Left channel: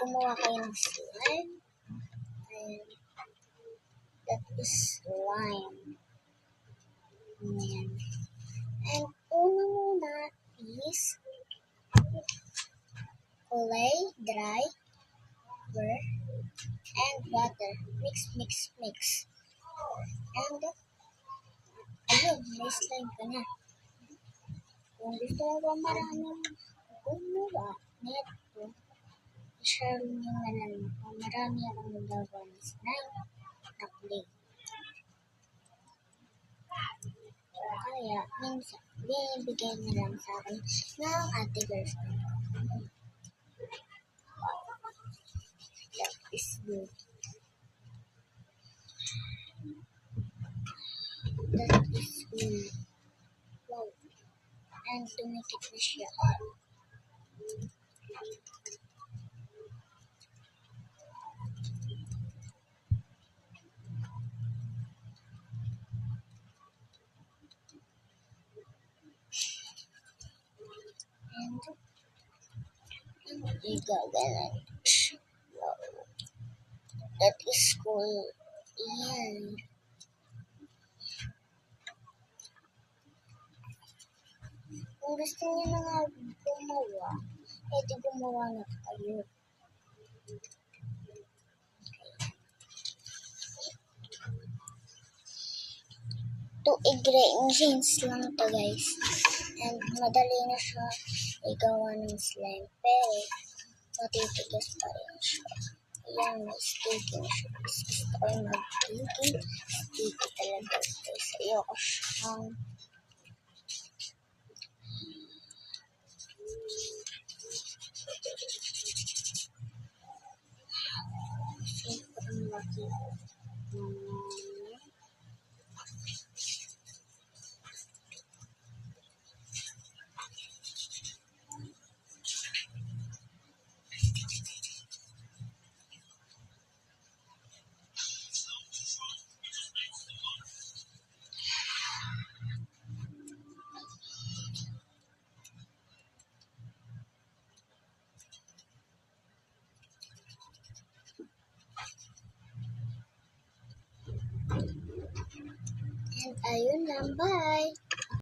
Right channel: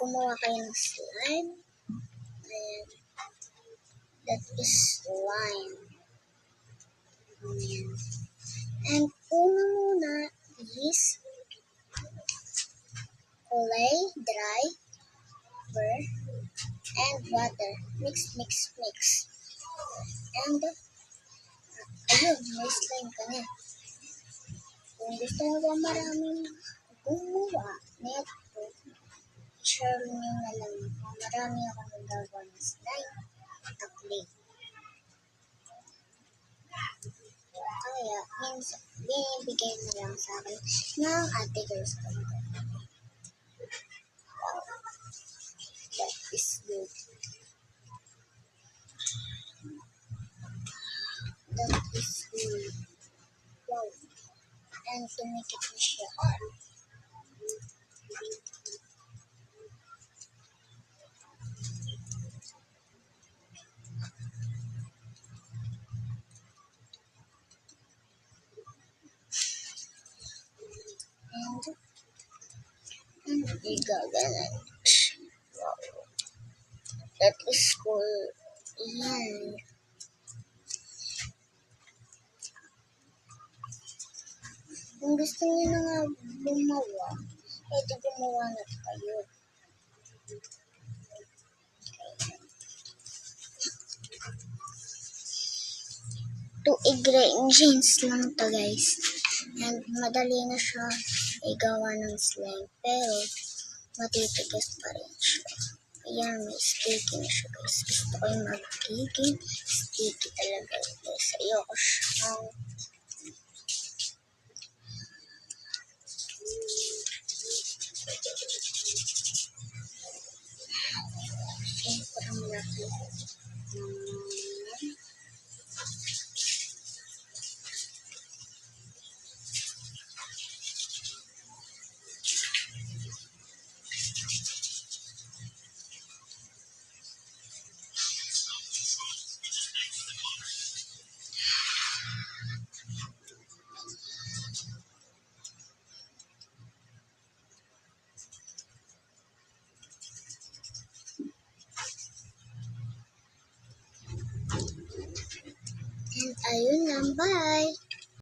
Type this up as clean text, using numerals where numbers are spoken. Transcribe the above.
gumawa kayo ng slime. Ayan. That is slime. Ayan. And una muna is kulay, dry, burr, and water. Mix, mix, mix. And, ayun, may slime ka na. Kung gusto mo ba maraming gumawa nito, i-share nyo na lang ako. Marami akong nagawa ng slime na clay. Kaya, minsan, binibigay na lang sa akin ng ate girls ko. Wow. That is good. That is good. Wow. And tumikit na siya. And igaganan. Wow. That is cool. Yan. Kung gusto niyo na nga gumawa, di gumawa na kayo. To ingredients lang to guys. And madali na siya igawa ng slime. Pero matitigas pa rin siya. Ayan, may sticky na siya guys. Gusto ko yung magiging sticky talaga guys. Ayoko siyang sobrang laki. And ayun lang, bye!